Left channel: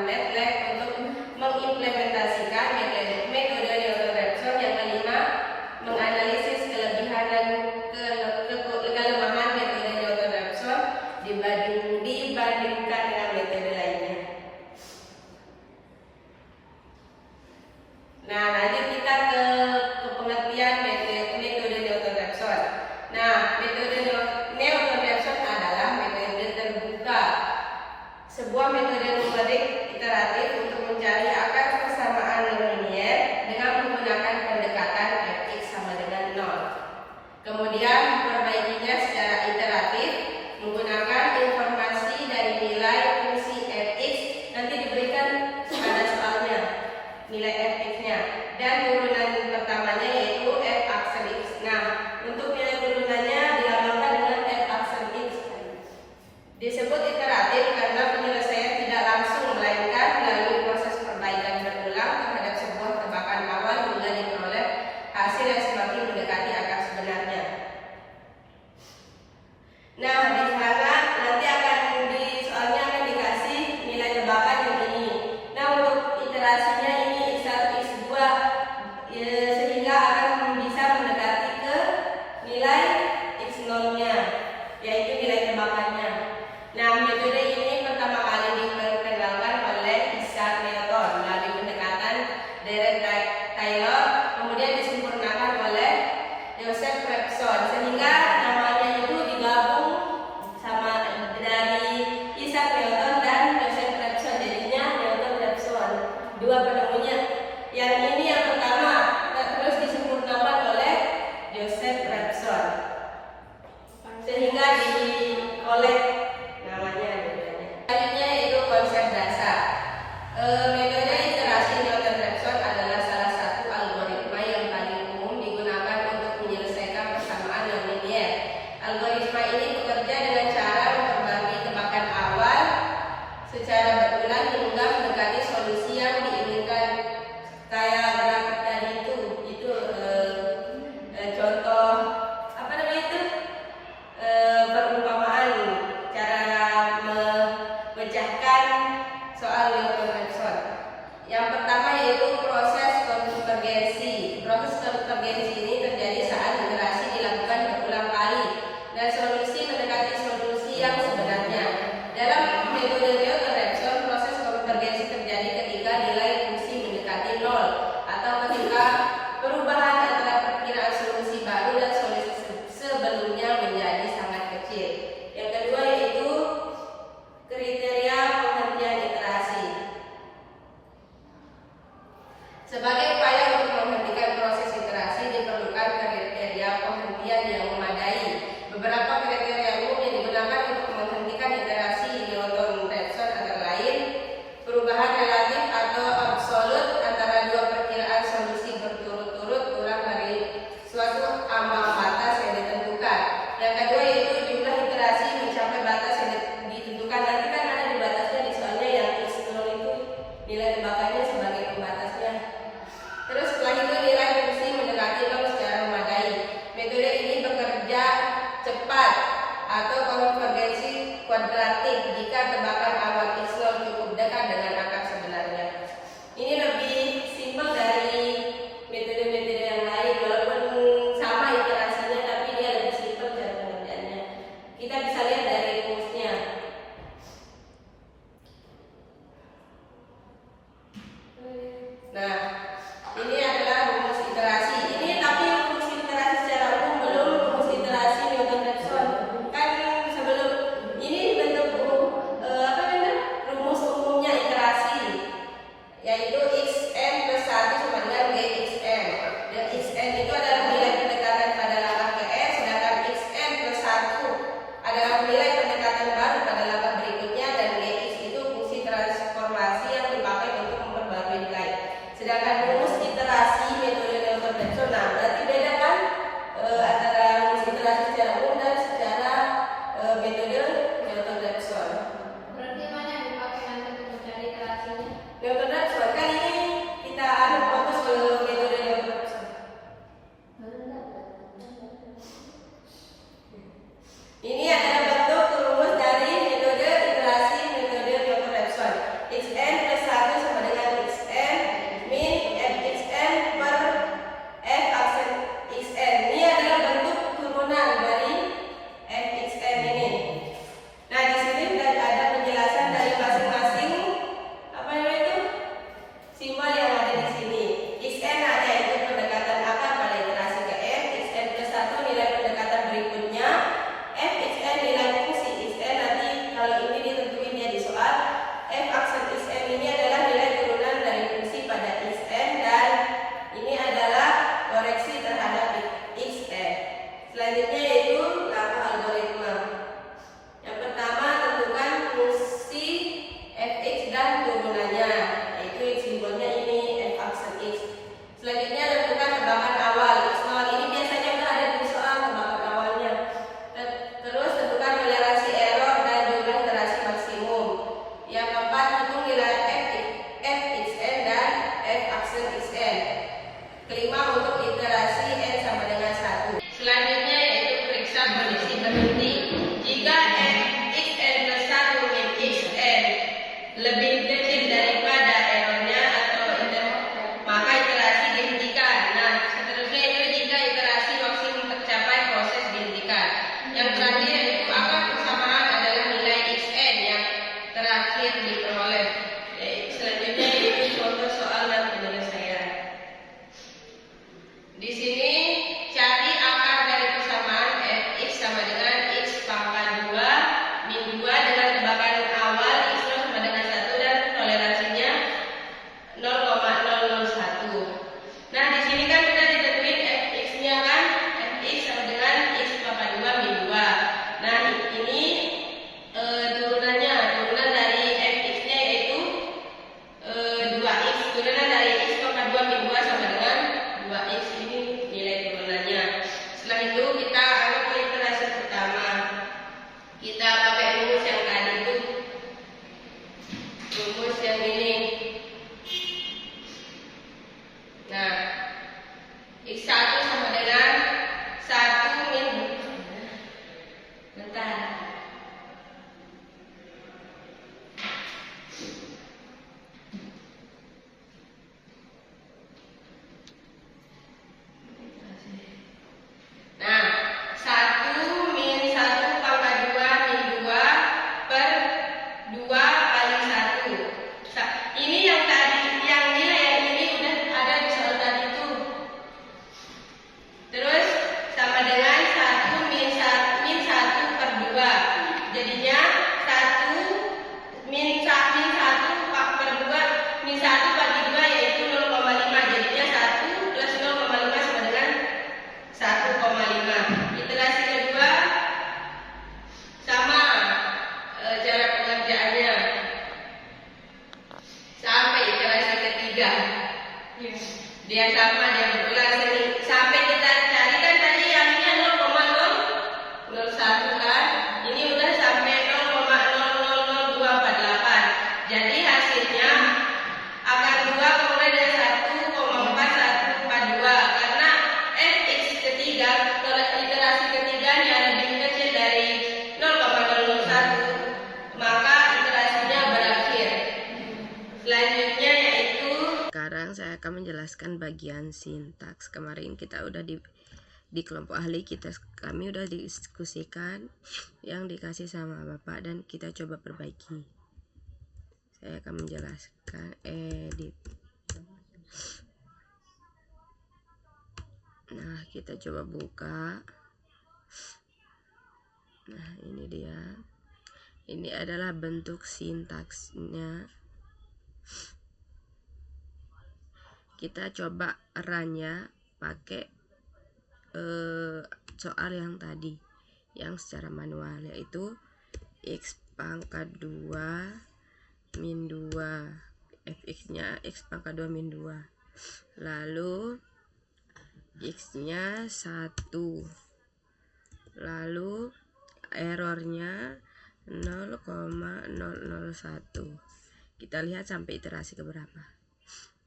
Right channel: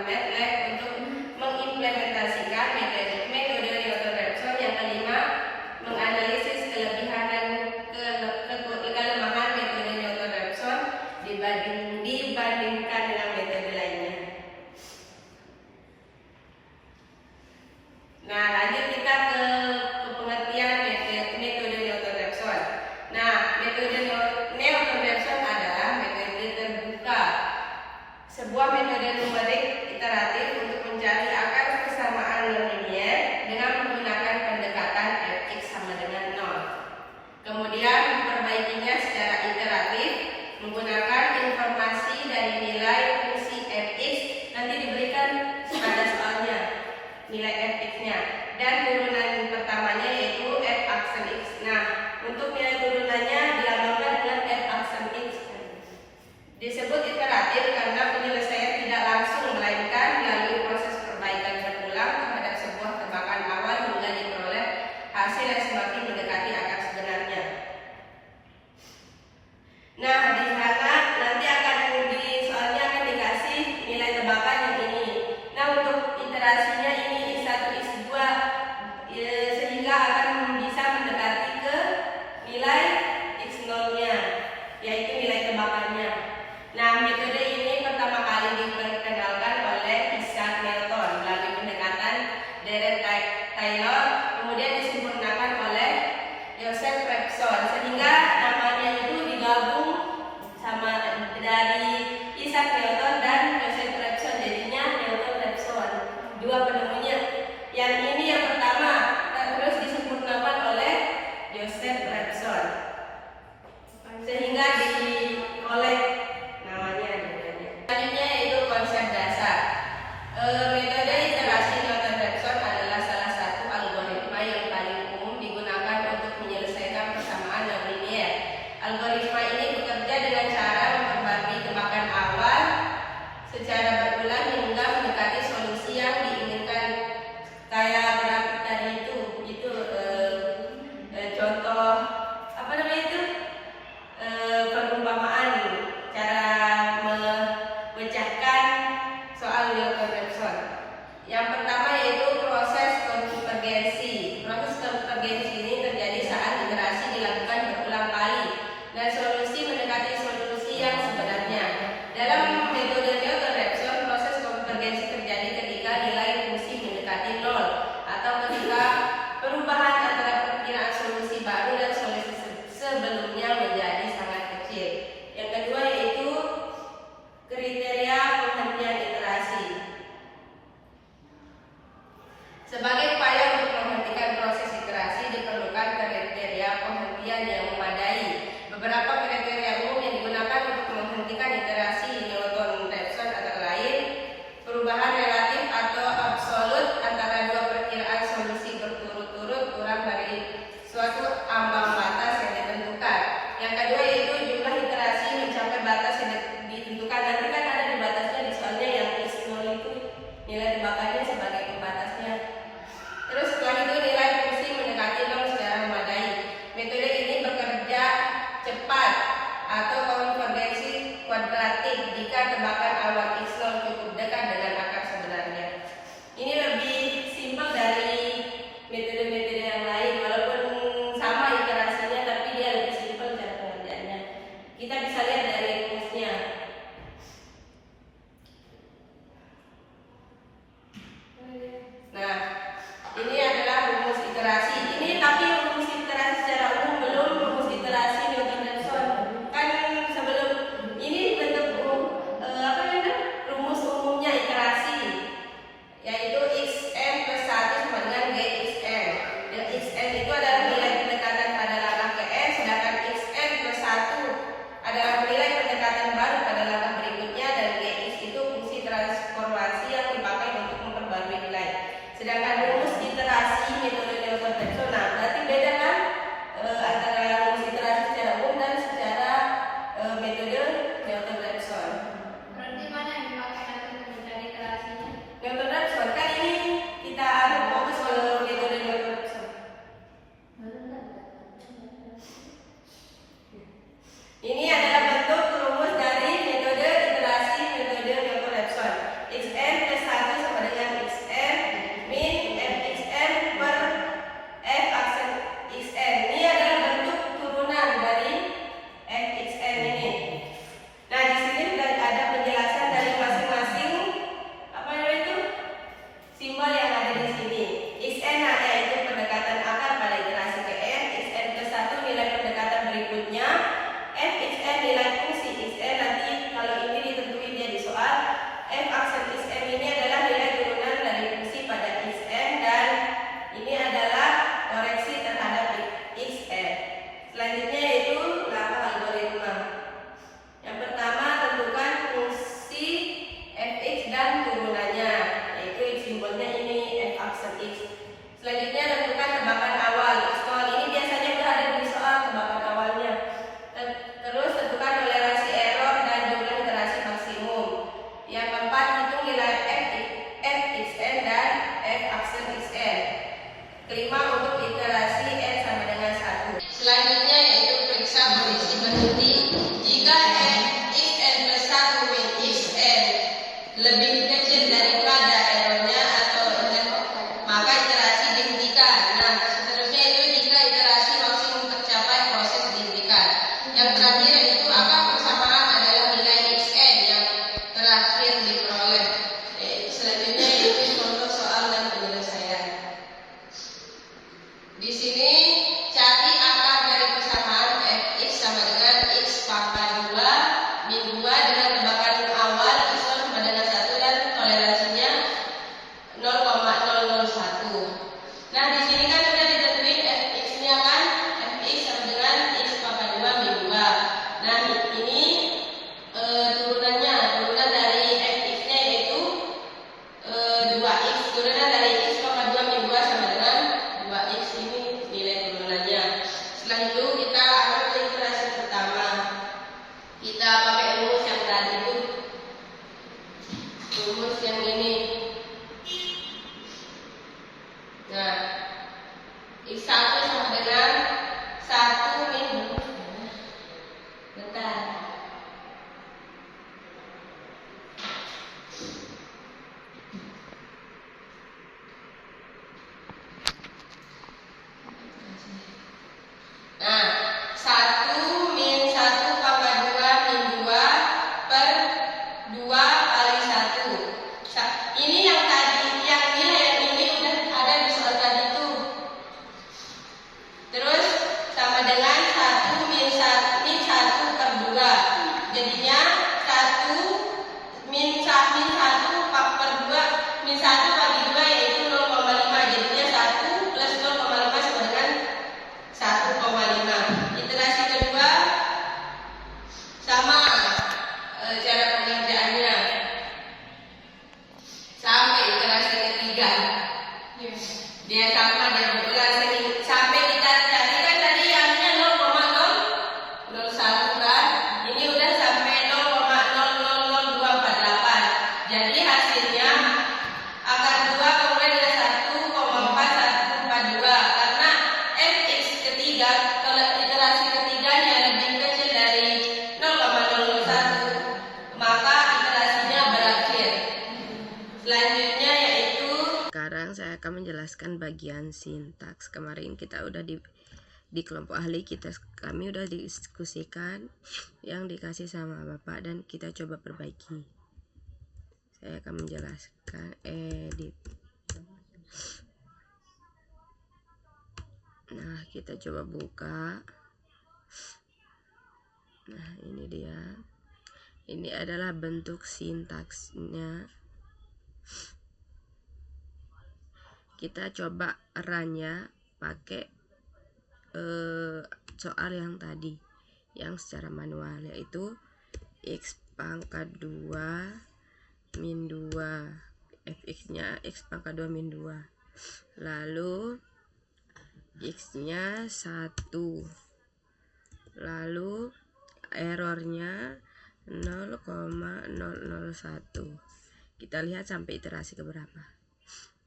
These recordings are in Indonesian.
MATLAB untuk mengimplementasikan metode Newton-Raphson. Yang kelima, menganalisis kelebihan dan kelemahan metode Newton-Raphson dibandingkan dengan metode lainnya. Nah, lanjut kita ke pengertian metode Newton-Raphson. Nah, metode Newton-Raphson adalah metode terbuka, sebuah metode numerik iteratif untuk mencari akar persamaan non-linier dengan menggunakan pendekatan fx sama dengan 0. Kemudian memperbaikinya secara iteratif menggunakan informasi dari nilai fungsi fx, nanti diberikan pada soalnya nilai fx-nya, dan turunan pertamanya yaitu f aksen x. Nah, untuk nilai turunannya dilambangkan dengan f aksen x. Disebut iteratif karena penyelesaian tidak langsung, melainkan melalui proses perbaikan berulang terhadap sebuah tebakan awal hingga diperoleh hasil yang semakin mendekati akar sebenarnya. Nah, di sana nanti akan soalnya akan dikasih nilai tebakan yang ini. Nah, untuk iterasinya ini x1, x2 sehingga akan bisa mendekati ke nilai x0-nya, yaitu nilai tebakannya. Nah, metode ini pertama kali diperkenalkan oleh Isaac Newton melalui pendekatan Derek Taylor, kemudian disempurnakan oleh Joseph Raphson, sehingga namanya itu digabung sama dari Isaac Newton dan Joseph Raphson, jadinya Newton-Raphson, dua penemunya. Yang ini yang pertama, terus disempurnakan oleh Joseph Raphson, sehingga oleh selanjutnya yaitu konsep dasar. Metode iterasi Newton-Raphson adalah salah satu algoritma yang paling umum digunakan untuk menyelesaikan persamaan non-linier. Algoritma ini bekerja dengan cara memperbagi tebakan awal secara berulang hingga mendekati solusi yang diinginkan. Kayak grafik tadi itu contoh apa namanya itu perumpamaan cara memecahkan soal Newton-Raphson. Yang pertama yaitu proses konvergensi. Proses konvergensi ini terjadi saat iterasi dilakukan berulang kali dan solusi mendekati solusi yang sebenarnya. Dalam metode Newton-Raphson, proses konvergensi terjadi ketika nilai fungsi mendekati 0 atau ketika perubahan antara perkiraan solusi baru dan solusi sebelumnya menjadi sangat kecil. Yang kedua yaitu kriteria penghentian iterasi. Sebagai upaya untuk menghentikan proses iterasi diperlukan kriteria penghentian yang memadai. Beberapa kriteria umum yang digunakan untuk menghentikan iterasi Newton-Raphson antara lain perubahan relatif atau absolut antara dua perkiraan solusi berturut-turut kurang dari suatu ambang batas yang ditentukan. Yang kedua yaitu jumlah iterasi mencapai batas yang ditentukan. Nanti kan ada di batasnya di soalnya yang x0 itu nilai tebakannya sebagai pembatasnya. Terus setelah itu nilai fungsi mendekati 0 secara memadai. Metode ini bekerja cepat atau konvergensi kuadratik jika tebakan awal x0 cukup dekat dengan akar sebenarnya. Ini lebih simpel dari metode-metode yang lain, walaupun sama iterasinya tapi dia lebih simpel cara pengerjaannya. Kita bisa lihat dari rumusnya. Nah, ini adalah rumus iterasi. Ini tapi rumus iterasi secara umum, belum rumus iterasi Newton-Raphson. Kan sebelum ini bentuk rumus umumnya iterasi, yaitu xn plus 1 sama dengan gxn. Dan xn itu adalah nilai pendekatan pada langkah ke n, sedangkan xn plus 1 adalah nilai pendekatan baru pada langkah berikutnya, dan gx itu fungsi transformasi yang dipakai untuk memperbarui nilai. Sedangkan rumus iterasi metode Newton-Raphson, nah berarti beda kan antara rumus iterasi secara umum dan secara metode Newton-Raphson. Berarti mana yang dipakai nanti untuk mencari iterasinya? Newton-Raphson kan ini kita fokus ke metode Newton-Raphson. Ini adalah bentuk rumus dari metode iterasi metode Newton-Raphson. Xn lebih kecil daripada errornya atau maka iterasi dihentikan. Nah, seterusnya itu jika iterasi maksimum tercapai, proses dihentikan. Yang terakhir yaitu akar persamaan adalah nilai xn yang terakhir diperoleh. Selanjutnya yaitu contoh soal dan penyelesaian. Di sini cari akar dari persamaan fx sama dengan x pangkat 2 min 2 dengan tebakan awal x sama dengan 1 dan toleransinya 0,001. Nah, di sini kan sudah ditentuin fx-nya kan, fx sama dengan x pangkat 2 min 2. Nah, ini turunan dari fx-nya yaitu 2x, turunan dari x pangkat 2 min 2 sama dengan 2x, ini nilai turunannya. Setelah itu kita anggap ke iterasi pertama. Kita pakai rumus yang tadi itu, rumus yang ini. Nah, x1 sama dengan 1 min, bentar. Nah, 1 min 1 pangkat 2 min 2 per 2 kali 1. Ini yang tadi, yang nilai yang ini udah ada di soal tadi itu. Terus sama dengan 1 min 1 per 2. Jadinya 1 min 1 per 2 min 1 bagi 2 yaitu 0,5. Jadinya 1 plus 0,5 sama dengan 1,5. Iterasi kedua sama cara pengerjaannya sampai iterasi ketiga. Dia sama, dia berulang sampai kita cari kan tadi yangnya 0,001 kan, ini udah sampai 0,000248. Jadi hasilnya akar 2 kemudian ada 1,4142 karena fx ketiga iterasi ketiganya lebih kecil dari 0,001, maka iterasinya berakhir. Selanjutnya yaitu, sekarang saya akan menjelaskan bagian sintaks. Kemarin kita udah di kelompok ahli kami udah diskusikan yang dikasih sama Bapak dan kita coba perbaiki. Saya akan menjelaskan edit. Nah, kita coba buka. Nah, ini dia. Ini adalah bentuk sintaksnya. Kita coba run-nya pakai soal yang tadi, yang secara manual, yaitu x pangkat 2 min 2, fx-nya x pangkat 2 min 2, lalu x-nya 1, lalu errornya 0,001. Kita lihat sampai iterasi keberapa.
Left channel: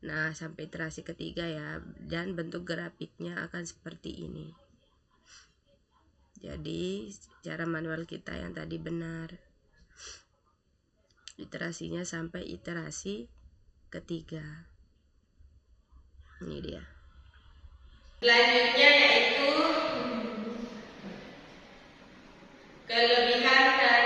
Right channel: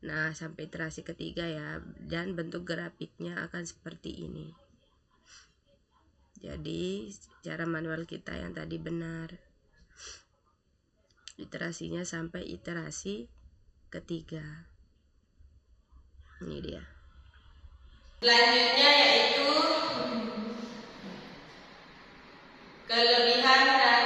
Nah, sampai iterasi ketiga ya, dan bentuk grafiknya akan seperti ini. Jadi cara manual kita yang tadi benar, iterasinya sampai iterasi ketiga. Ini dia. Selanjutnya yaitu kelebihan dan